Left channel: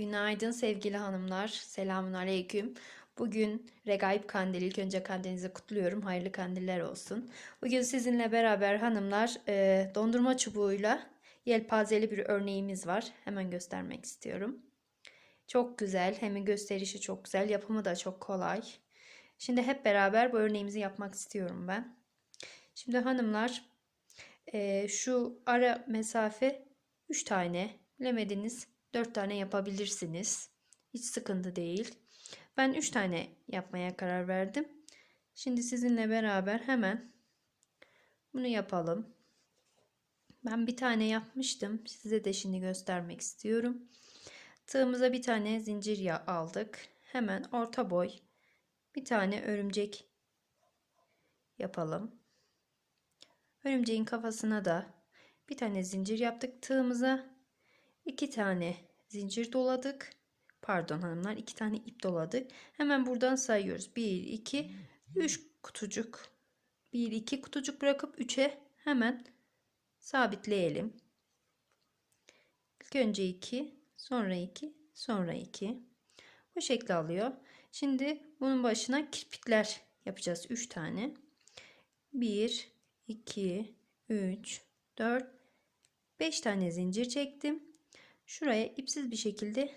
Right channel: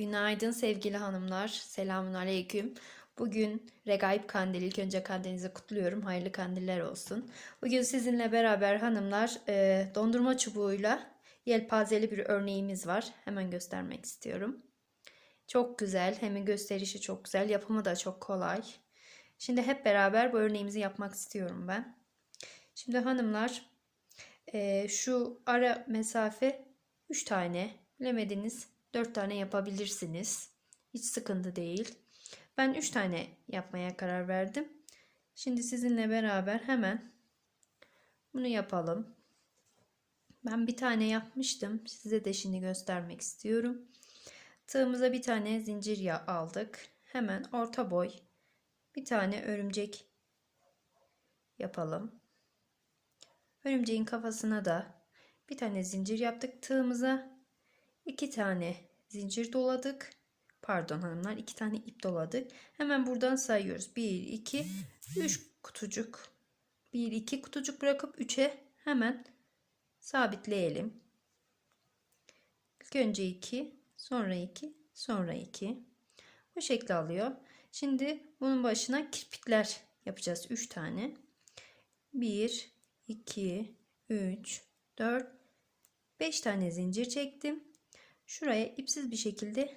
Günaydın sevgili hanımlar. Selamun aleyküm. Bugün Regaib Kandili. İlk önce kandilinizi kutluyorum. Hayırlı kandiller olsun. Bugün sizinle beraber hanımlar e, dondurma çubuğuyla yelpazeli bir örneğimiz var. Hemen göstermek istiyorum. Çok güzel. Hem gösterişi çok güzel. Yapımı da çok kolay. Şimdi hep beraber bu örneğimizi yapmak istiyorum ben. Şimdi hanımlar e, şu ara mesafe 3 tane bilemediniz 4 tane yapabilirsiniz. Hiç sıkıntı değil. Ben 3 tane yapmaya karar verdim. Şimdi sizinle beraber hemen bunu yapalım. Ben bir tane yapmıştım. Size de şimdi göstermek istiyorum. Tığımıza bir tane zincir ya aldık. Hemen orta boy bir tane örümcek yapalım. Örümceğin kafasına da bir tane zincir yaptık. Tığımıza iki tane zincir doladık. Pardon hanımlar iki tane ip doladık. Hemen buradan sayıyoruz. 1, 2, 3 kutucuk. 1, 2 kutucuk bırakıp 3'e hemen sabitleyelim. İlk önce 2, sonra 2, sonra 2. Bu şekli alıyor. Şimdi bunun başına kirpikler yapacağız. 3 tane. 1, 2, 3, 4, 5 tane zincir çektim. Şuraya ipsiz bir şekilde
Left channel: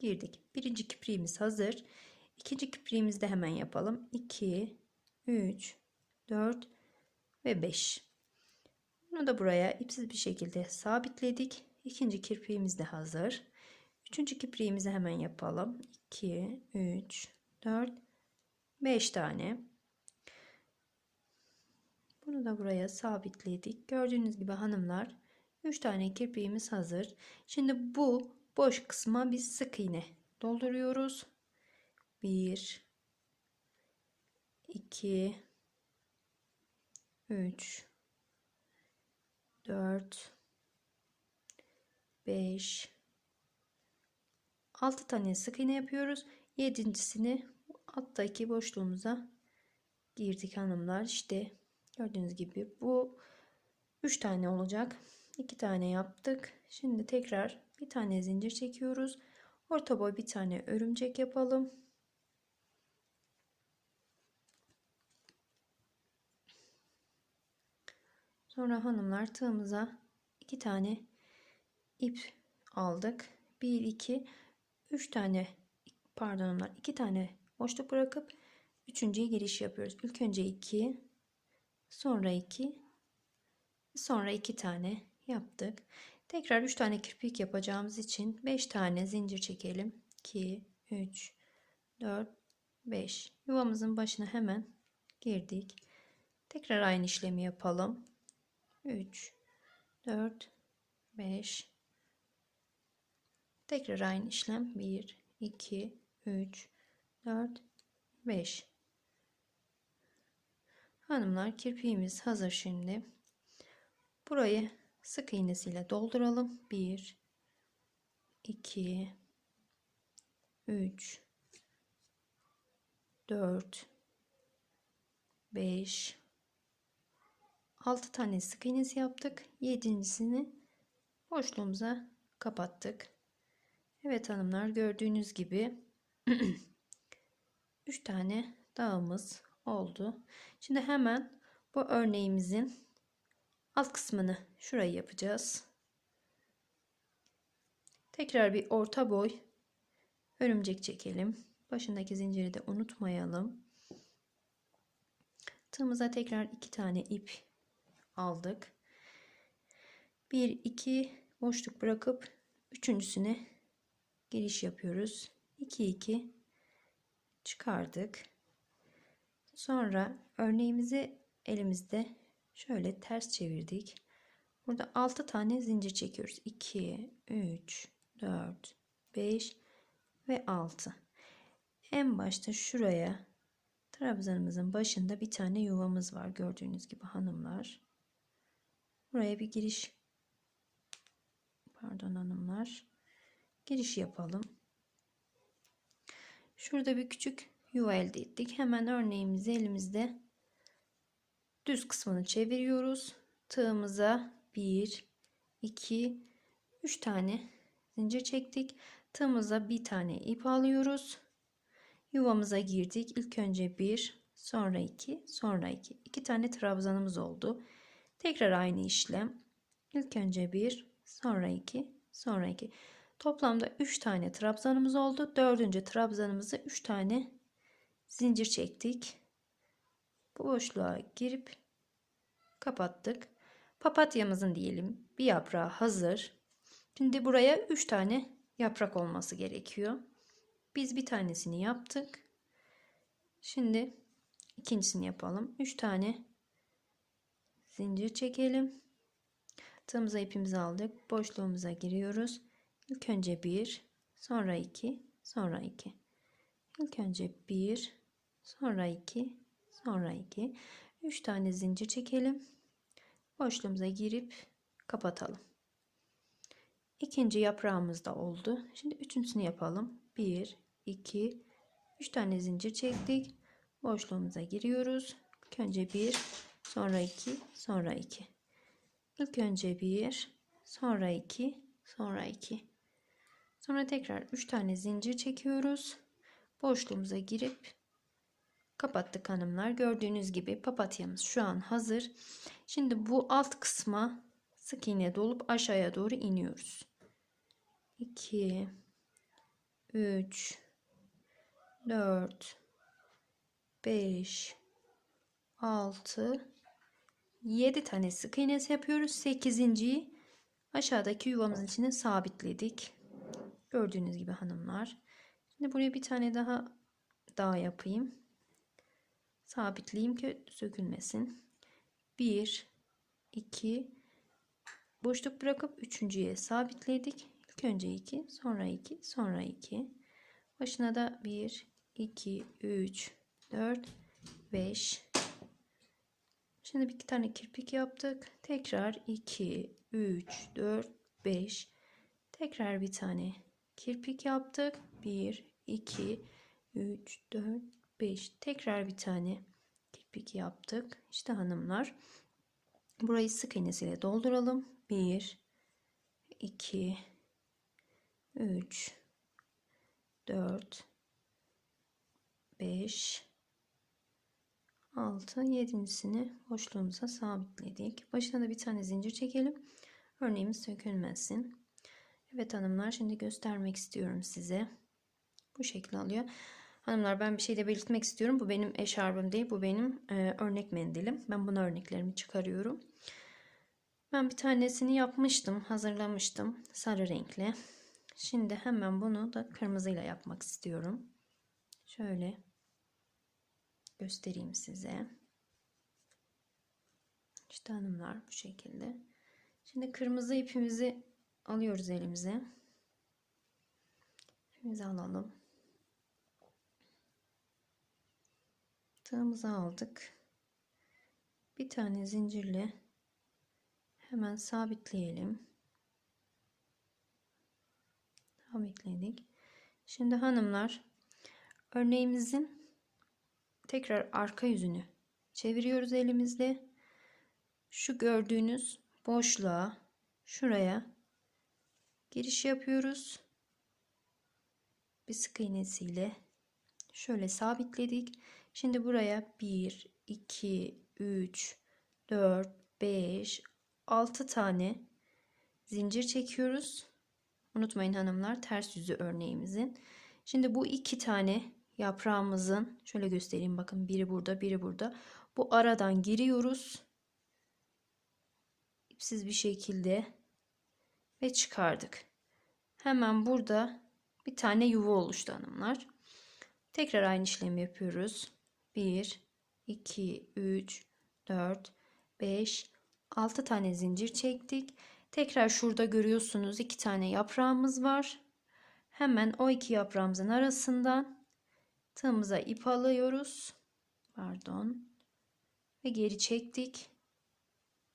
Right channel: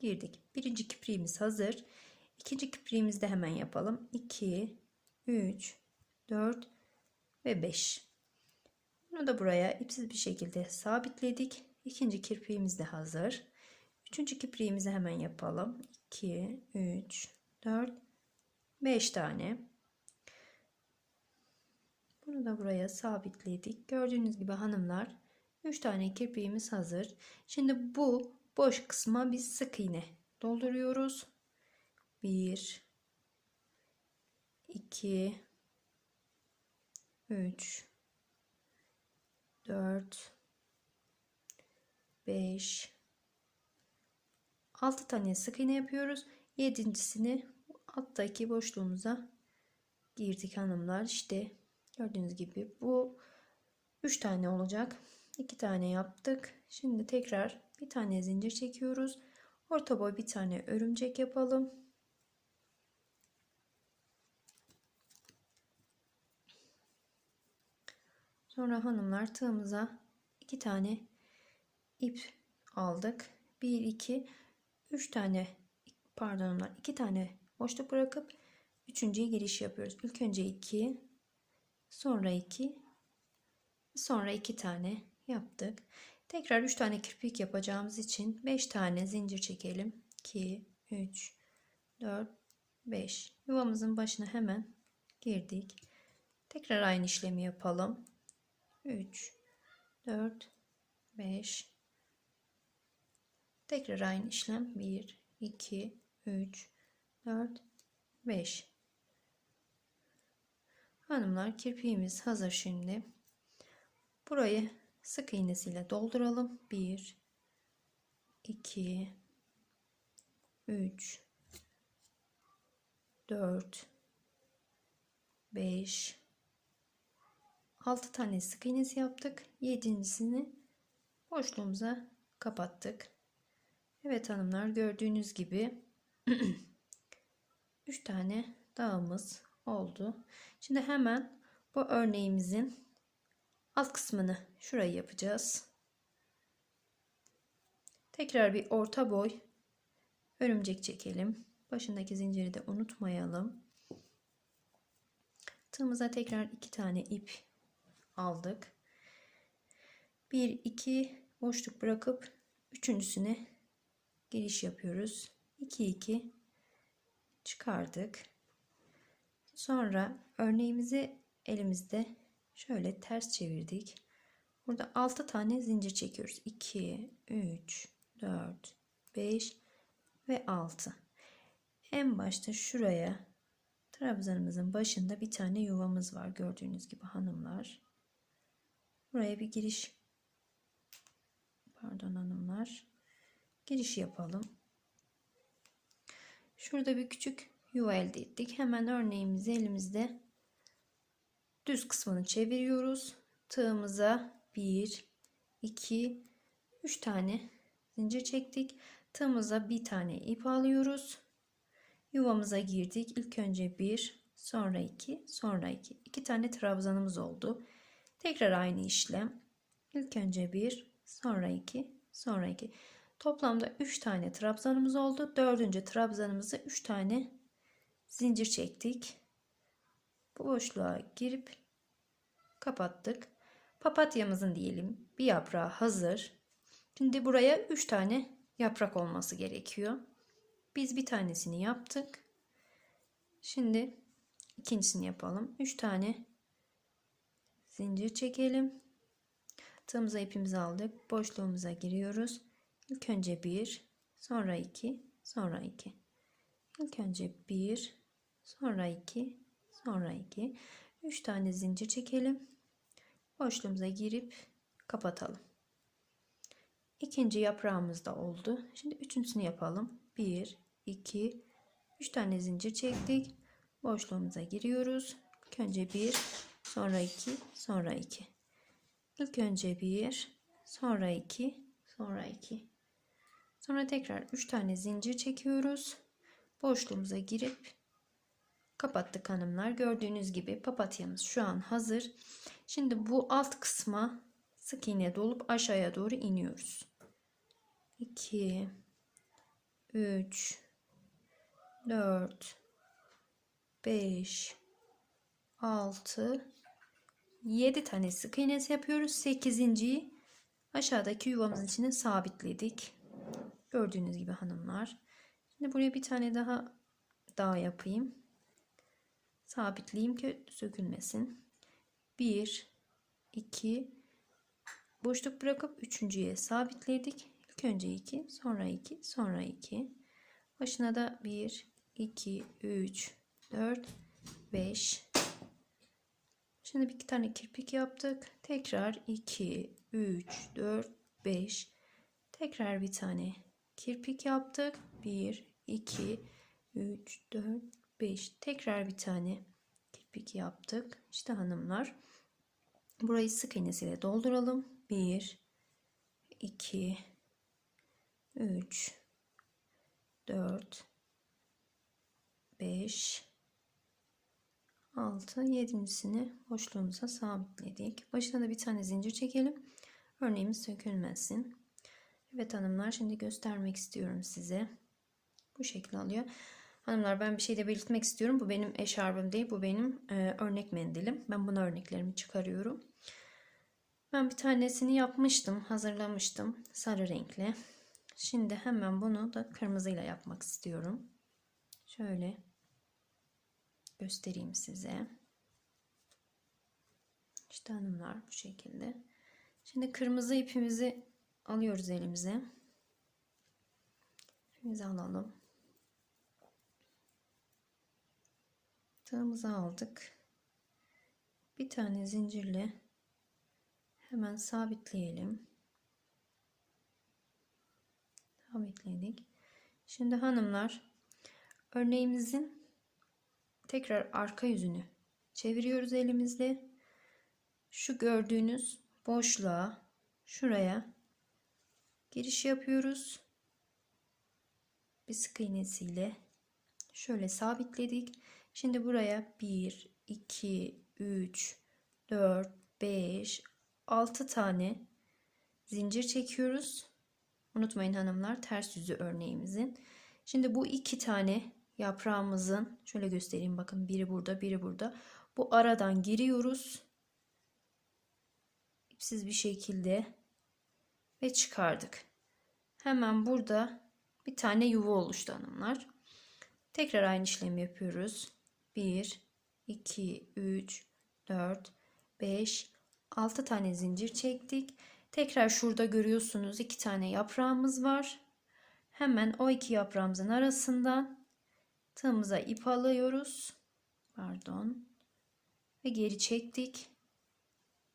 girdik. Birinci kipriğimiz hazır. İkinci kipriğimizi de hemen yapalım. 2, 3, 4 ve 5. Bunu da buraya ipsiz bir şekilde sabitledik. İkinci kirpiğimiz de hazır. Üçüncü kipriğimizi hemen yapalım. 2, 3, 4, 5 tane. Bunu da buraya sabitledik. Gördüğünüz gibi hanımlar 3 tane kirpiğimiz hazır. Şimdi bu boş kısma biz sık iğne dolduruyoruz. 1 2 3 4 5 6 tane sık iğne yapıyoruz. Yedincisini alttaki boşluğumuza girdik hanımlar. İşte gördüğünüz gibi bu 3 tane olacak. 2 tane yaptık. Şimdi tekrar bir tane zincir çekiyoruz. Orta boy bir tane örümcek yapalım. Sonra hanımlar tığımıza iki tane ip aldık. 1 2 3 tane pardon onlar 2 tane boşluk bırakıp üçüncüye giriş yapıyoruz. İlk önce 2 sonra 2 sonra 2 tane yaptık. Tekrar 3 tane kirpik yapacağımız için 5 tane zincir çekelim. 2 3 4 5 yuvamızın başına hemen girdik. Tekrar aynı işlemi yapalım. 3 4 5 Tekrar aynı işlem 1 2 3 4 5 Hanımlar kirpiğimiz hazır şimdi. Burayı sık iğnesiyle dolduralım. 1 2 3 4 5 6 tane sık iğnesi yaptık. Yedincisini boşluğumuza kapattık. Evet hanımlar gördüğünüz gibi 3 tane dağımız oldu. Şimdi hemen bu örneğimizin alt kısmını şurayı yapacağız. Tekrar bir orta boy örümcek çekelim. Başındaki zinciri de unutmayalım. Tığımıza tekrar iki tane ip aldık. 1 2 boşluk bırakıp üçüncüsüne giriş yapıyoruz. 2 2 çıkardık. Sonra örneğimizi elimizde şöyle ters çevirdik. Burada 6 tane zincir çekiyoruz. 2 3 4 5 ve 6. En başta şuraya trabzanımızın başında bir tane yuvamız var gördüğünüz gibi hanımlar. Buraya bir giriş pardon hanımlar giriş yapalım. Şurada bir küçük yuva elde ettik. Hemen örneğimizi elimizde düz kısmını çeviriyoruz. Tığımıza 1 2 3 tane zincir çektik. Tığımıza bir tane ip alıyoruz. Yuvamıza girdik. İlk önce bir, sonra iki, sonra iki. İki tane trabzanımız oldu. Tekrar aynı işlem. İlk önce bir, sonra iki, sonra iki. Toplamda üç tane trabzanımız oldu. Dördüncü trabzanımızı üç tane zincir çektik. Bu boşluğa girip kapattık. Papatyamızın diyelim bir yaprağı hazır. Şimdi buraya 3 tane yaprak olması gerekiyor. Biz bir tanesini yaptık. Şimdi ikincisini yapalım. 3 tane zincir çekelim. Tığımıza ipimizi aldık. Boşluğumuza giriyoruz. İlk önce 1, sonra 2, sonra 2. İlk önce 1, sonra 2, sonra 2. 3 tane zincir çekelim. Boşluğumuza girip kapatalım. İkinci yaprağımız da oldu. Şimdi üçüncüsünü yapalım. 1, 2, 3 tane zincir çektik. Boşluğumuza giriyoruz. İlk önce 1, sonra 2, sonra 2. İlk önce 1, sonra 2, sonra 2. Sonra tekrar 3 tane zincir çekiyoruz. Boşluğumuza girip kapattık hanımlar. Gördüğünüz gibi papatyamız şu an hazır. Şimdi bu alt kısma sık iğne dolup aşağıya doğru iniyoruz. 2 3 4 5 6 7 tane sık iğnesi yapıyoruz. 8.yi aşağıdaki yuvamızın içine sabitledik. Gördüğünüz gibi hanımlar. Şimdi buraya bir tane daha daha yapayım. Sabitleyeyim ki sökülmesin. 1 2 boşluk bırakıp üçüncüye sabitledik. İlk önce 2, sonra 2, sonra 2. Başına da 1 2 3 4 5 Şimdi bir iki tane kirpik yaptık. Tekrar 2 3 4 5 Tekrar bir tane kirpik yaptık. 1 2 3 4 5 Tekrar bir tane kirpik yaptık. İşte hanımlar. Burayı sık iğnesiyle dolduralım. 1 2 3 4 5 6 yedincisini boşluğumuza sabitledik. Başına da bir tane zincir çekelim. Örneğimiz sökülmesin. Evet hanımlar şimdi göstermek istiyorum size. Bu şekil alıyor. Hanımlar ben bir şey de belirtmek istiyorum. Bu benim eşarbım değil. Bu benim e, örnek mendilim. Ben buna örneklerimi çıkarıyorum. Ben bir tanesini yapmıştım. Hazırlamıştım. Sarı renkli. Şimdi hemen bunu da kırmızıyla yapmak istiyorum. Şöyle göstereyim size. İşte hanımlar bu şekilde. Şimdi kırmızı ipimizi alıyoruz elimize. İpimizi alalım. Tığımızı aldık. Bir tane zincirle hemen sabitleyelim. Sabitledik. Şimdi hanımlar örneğimizin tekrar arka yüzünü çeviriyoruz elimizde. Şu gördüğünüz boşluğa şuraya giriş yapıyoruz. Bir sık iğnesiyle şöyle sabitledik. Şimdi buraya 1 2 3 4 5 6 tane zincir çekiyoruz. Unutmayın hanımlar ters yüzü örneğimizin. Şimdi bu iki tane yaprağımızın şöyle göstereyim bakın biri burada biri burada. Bu aradan giriyoruz. İpsiz bir şekilde ve çıkardık. Hemen burada bir tane yuva oluştu hanımlar. Tekrar aynı işlemi yapıyoruz. 1 2 3 4 5 6 tane zincir çektik. Tekrar şurada görüyorsunuz iki tane yaprağımız var. Hemen o iki yaprağımızın arasından tığımıza ip alıyoruz. Pardon. Ve geri çektik.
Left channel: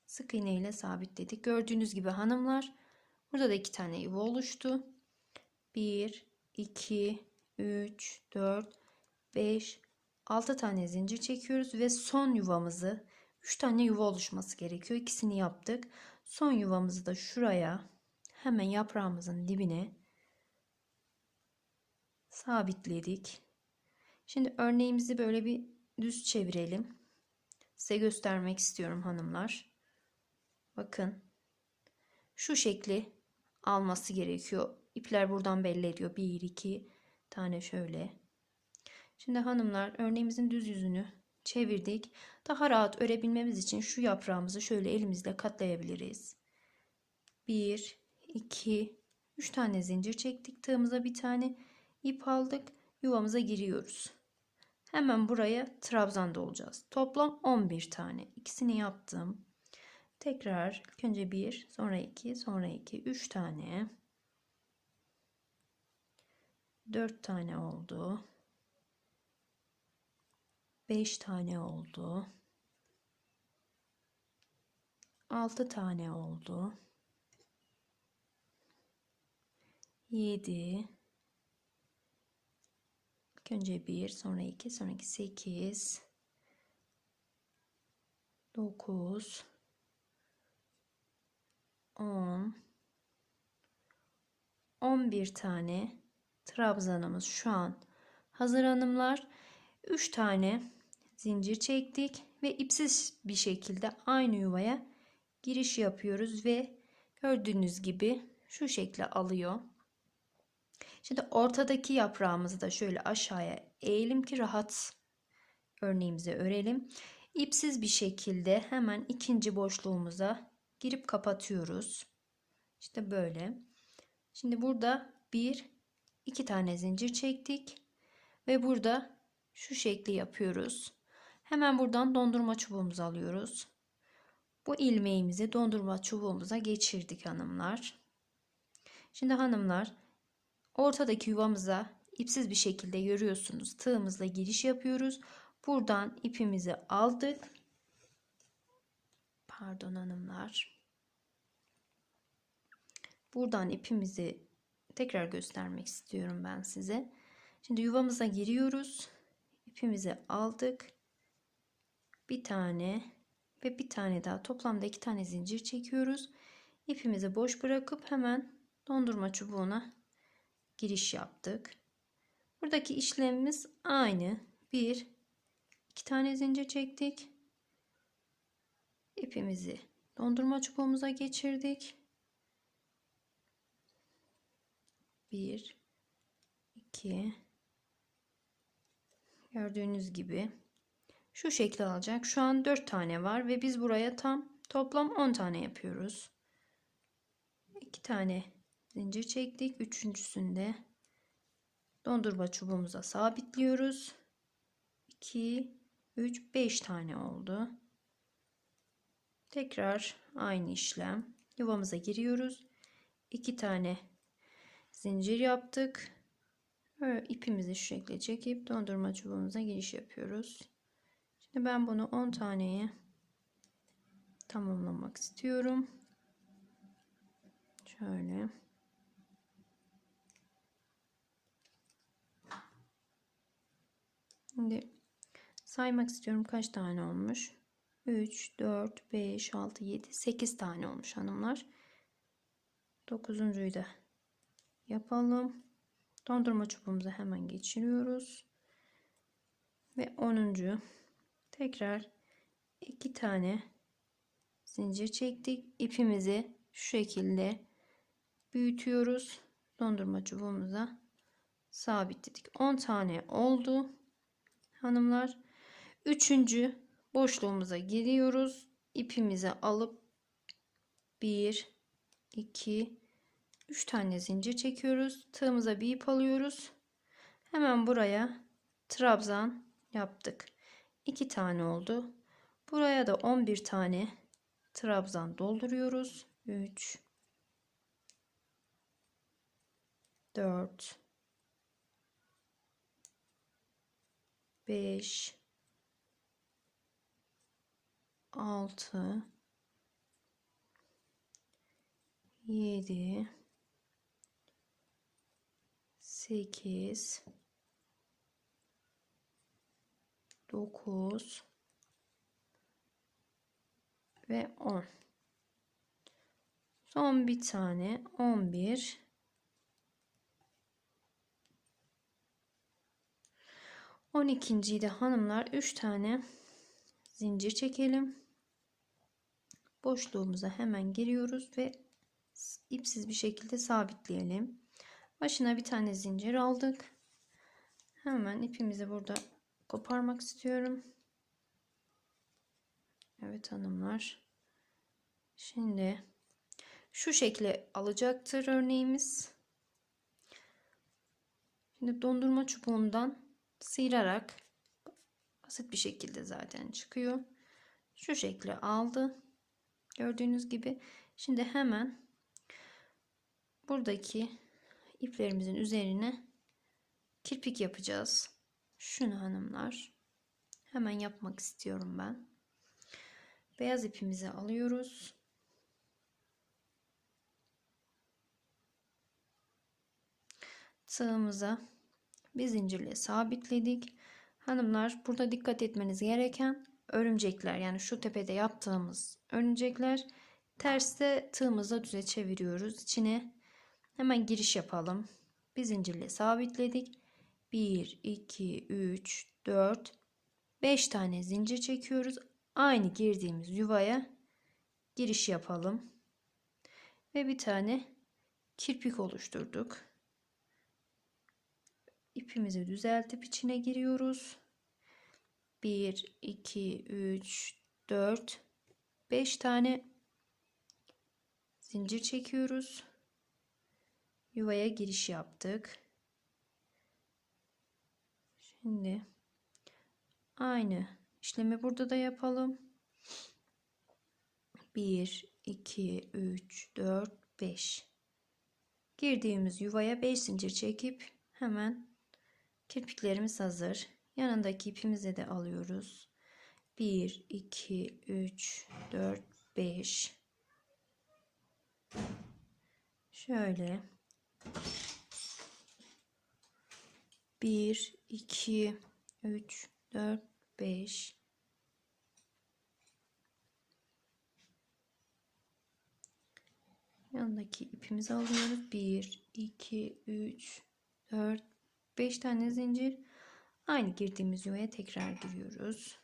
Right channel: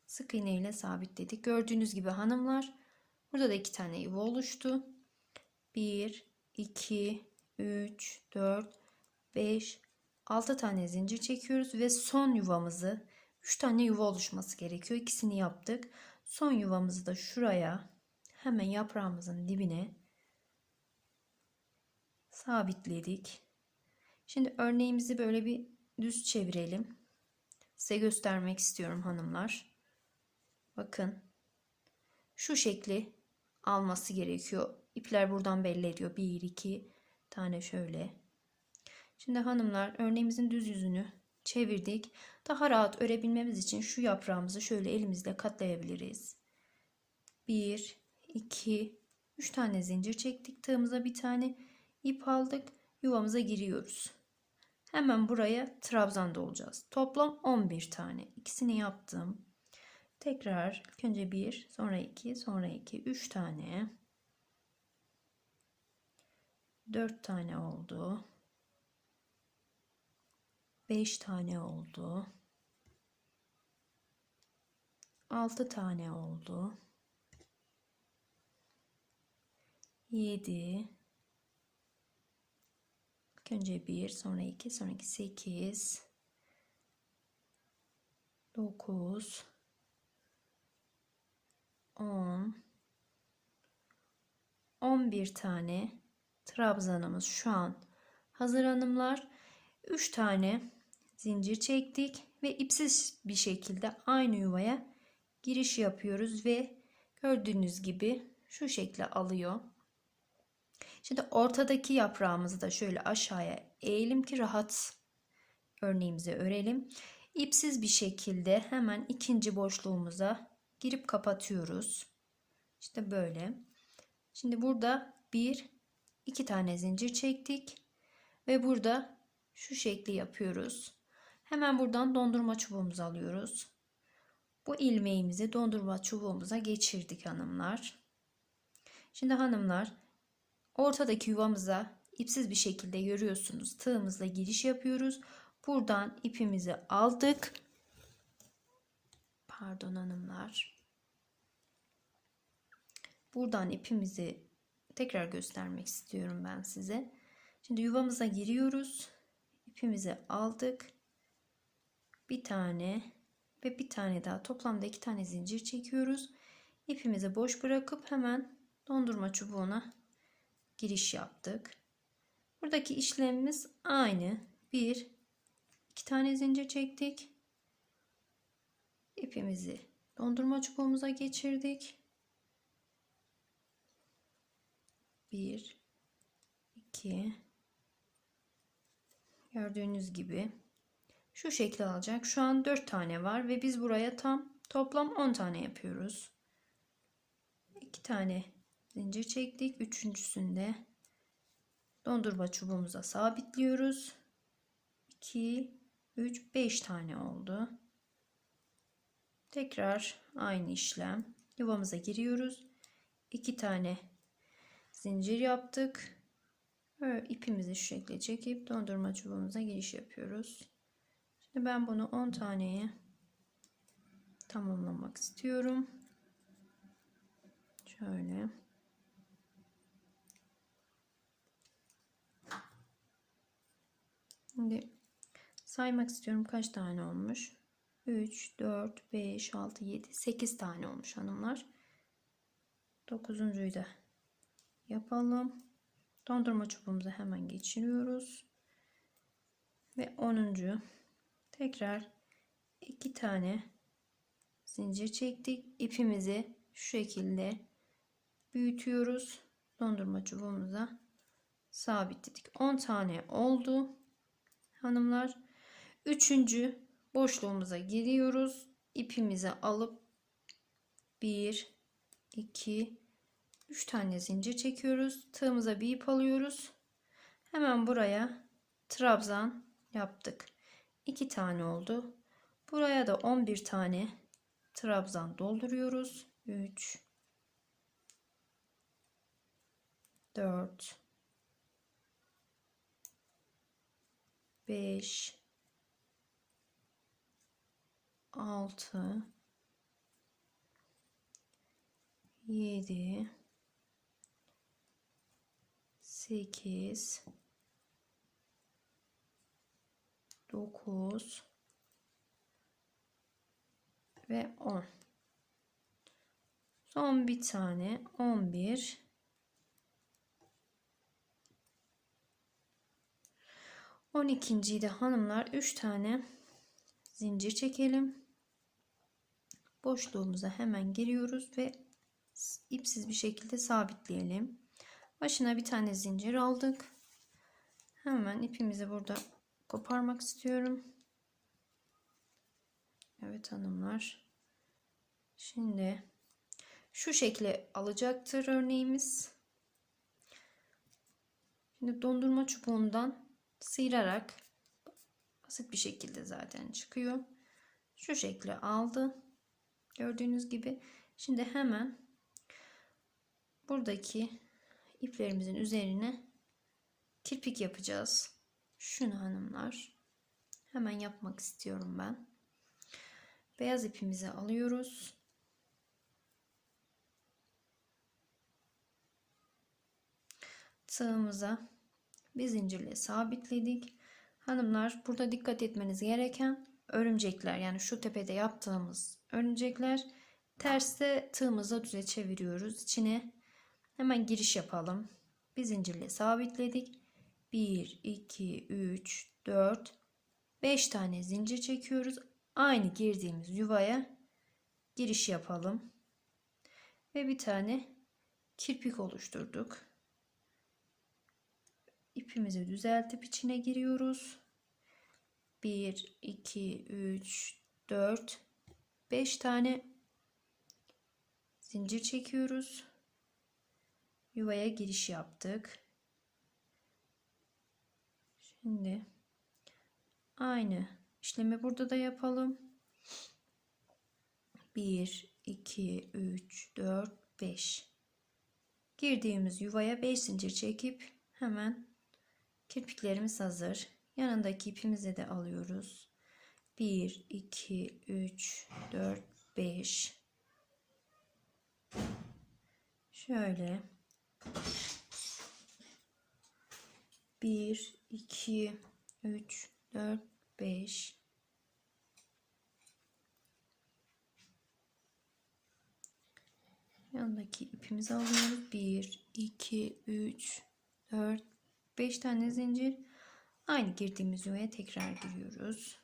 Sık iğne ile sabitledik. Gördüğünüz gibi hanımlar burada da iki tane yuva oluştu. 1 2 3 4 5 6 tane zincir çekiyoruz ve son yuvamızı 3 tane yuva oluşması gerekiyor. İkisini yaptık. Son yuvamızı da şuraya hemen yaprağımızın dibine sabitledik. Şimdi örneğimizi böyle bir düz çevirelim. Size göstermek istiyorum hanımlar. Bakın. Şu şekli alması gerekiyor. İpler buradan belli ediyor. 1 2 tane şöyle. Şimdi hanımlar örneğimizin düz yüzünü çevirdik. Daha rahat örebilmemiz için şu yaprağımızı şöyle elimizle katlayabiliriz. 1 2 3 tane zincir çektik. Tığımıza bir tane ip aldık. Yuvamıza giriyoruz. Hemen buraya trabzan dolacağız. Toplam 11 tane. İkisini yaptım. Tekrar önce 1, sonra 2, sonra 2, 3 tane. 4 tane oldu. 5 tane oldu. 6 tane oldu. 7 önce 1 sonra 2 sonra 2 8 9 10 11 tane trabzanımız şu an. Hazır hanımlar 3 tane zincir çektik ve ipsiz bir şekilde aynı yuvaya giriş yapıyoruz ve gördüğünüz gibi şu şekle alıyor. Şimdi ortadaki yaprağımızı da şöyle aşağıya eğelim ki rahat örneğimizi örelim. İpsiz bir şekilde hemen ikinci boşluğumuza girip kapatıyoruz. İşte böyle. Şimdi burada bir iki tane zincir çektik ve burada şu şekli yapıyoruz. Hemen buradan dondurma çubuğumuzu alıyoruz. Bu ilmeğimizi dondurma çubuğumuza geçirdik hanımlar. Şimdi hanımlar ortadaki yuvamıza ipsiz bir şekilde görüyorsunuz. Tığımızla giriş yapıyoruz. Buradan ipimizi aldık. Pardon hanımlar. Buradan ipimizi tekrar göstermek istiyorum ben size. Şimdi yuvamıza giriyoruz. İpimizi aldık. Bir tane ve bir tane daha toplamda iki tane zincir çekiyoruz. İpimizi boş bırakıp hemen dondurma çubuğuna giriş yaptık. Buradaki işlemimiz aynı. Bir, iki tane zincir çektik. İpimizi dondurma çubuğumuza geçirdik. Bir, iki, gördüğünüz gibi şu şekli alacak. Şu an 4 tane var ve biz buraya tam toplam 10 tane yapıyoruz. 2 tane zincir çektik. Üçüncüsünde dondurma çubuğumuza sabitliyoruz. 2 3 5 tane oldu. Tekrar aynı işlem. Yuvamıza giriyoruz. 2 tane zincir yaptık. Böyle ipimizi şu şekilde çekip dondurma çubuğumuza giriş yapıyoruz. Ben bunu 10 taneye tamamlamak istiyorum. Şöyle. Şimdi saymak istiyorum kaç tane olmuş. 3, 4, 5, 6, 7, 8 tane olmuş hanımlar. 9'uncuyu da yapalım. Dondurma çubuğumuza hemen geçiriyoruz. Ve 10. tekrar iki tane zincir çektik. İpimizi şu şekilde büyütüyoruz. Dondurma çubuğumuza sabitledik. 10 tane oldu. Hanımlar. Üçüncü boşluğumuza giriyoruz. İpimizi alıp 1 2 3 tane zincir çekiyoruz. Tığımıza bir ip alıyoruz. Hemen buraya trabzan yaptık. 2 tane oldu. Buraya da 11 tane trabzan dolduruyoruz. 3 4 5 6 7 8 9 ve 10 son bir tane 11 12. de hanımlar 3 tane zincir çekelim. Boşluğumuza hemen giriyoruz ve ipsiz bir şekilde sabitleyelim. Başına bir tane zincir aldık. Hemen ipimizi burada koparmak istiyorum. Evet hanımlar. Şimdi şu şekilde alacaktır örneğimiz. Şimdi dondurma çubuğundan sıyırarak basit bir şekilde zaten çıkıyor. Şu şekilde aldı. Gördüğünüz gibi. Şimdi hemen buradaki iplerimizin üzerine kirpik yapacağız. Şunu hanımlar. Hemen yapmak istiyorum ben. Beyaz ipimizi alıyoruz. Tığımıza bir zincirle sabitledik. Hanımlar burada dikkat etmeniz gereken örümcekler yani şu tepede yaptığımız örümcekler terste tığımıza düze çeviriyoruz. İçine hemen giriş yapalım. Bir zincirle sabitledik. 1 2 3 4 5 tane zincir çekiyoruz. Aynı girdiğimiz yuvaya giriş yapalım. Ve bir tane kirpik oluşturduk. İpimizi düzeltip içine giriyoruz. 1 2 3 4 5 tane zincir çekiyoruz. Yuvaya giriş yaptık. Şimdi aynı işlemi burada da yapalım. 1 2 3 4 5 girdiğimiz yuvaya 5 zincir çekip hemen kirpiklerimiz hazır. Yanındaki ipimizi de alıyoruz. 1 2 3 4 5 şöyle 1 2 3 4 5 yanındaki ipimizi alıyoruz. 1 2 3 4 5 tane zincir. Aynı girdiğimiz yuvaya tekrar giriyoruz.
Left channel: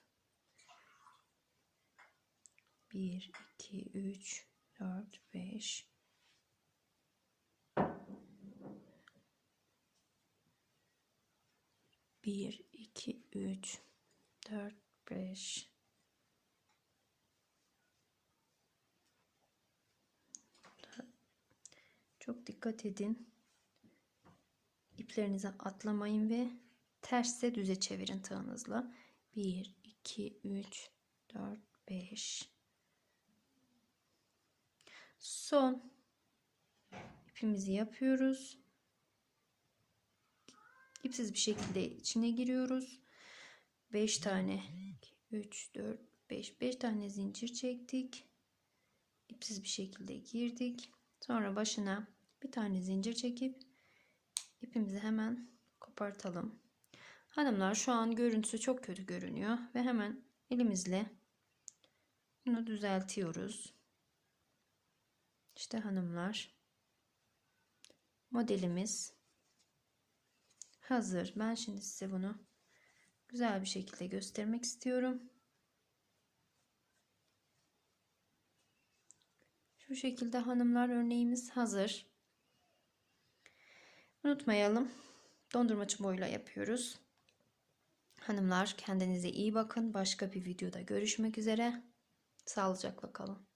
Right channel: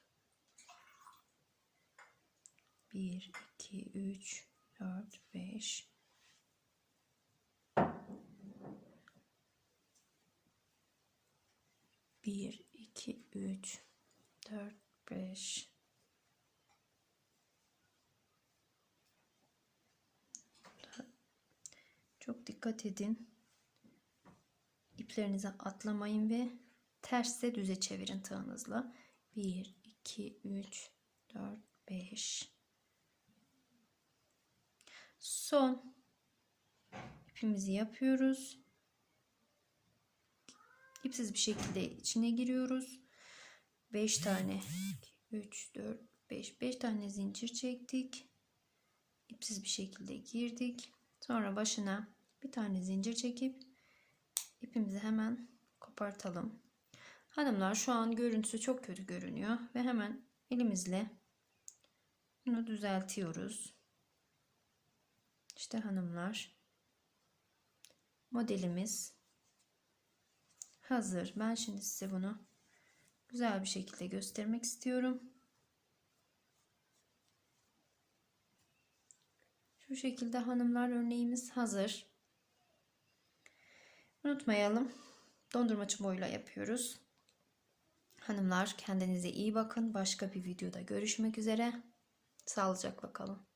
1 2 3 4 5 1 2 3 4 5 çok dikkat edin. İplerinize atlamayın ve terse düze çevirin tığınızla. 1 2 3 4 5 son ipimizi yapıyoruz ipsiz bir şekilde içine giriyoruz. 5 tane 3 4 5 5 tane zincir çektik. İpsiz bir şekilde girdik. Sonra başına bir tane zincir çekip ipimizi hemen kopartalım. Hanımlar şu an görüntüsü çok kötü görünüyor ve hemen elimizle bunu düzeltiyoruz. İşte hanımlar modelimiz hazır. Ben şimdi size bunu güzel bir şekilde göstermek istiyorum. Şu şekilde hanımlar örneğimiz hazır. Unutmayalım. Dondurma çubuğuyla yapıyoruz. Hanımlar kendinize iyi bakın. Başka bir videoda görüşmek üzere. Sağlıcakla kalın.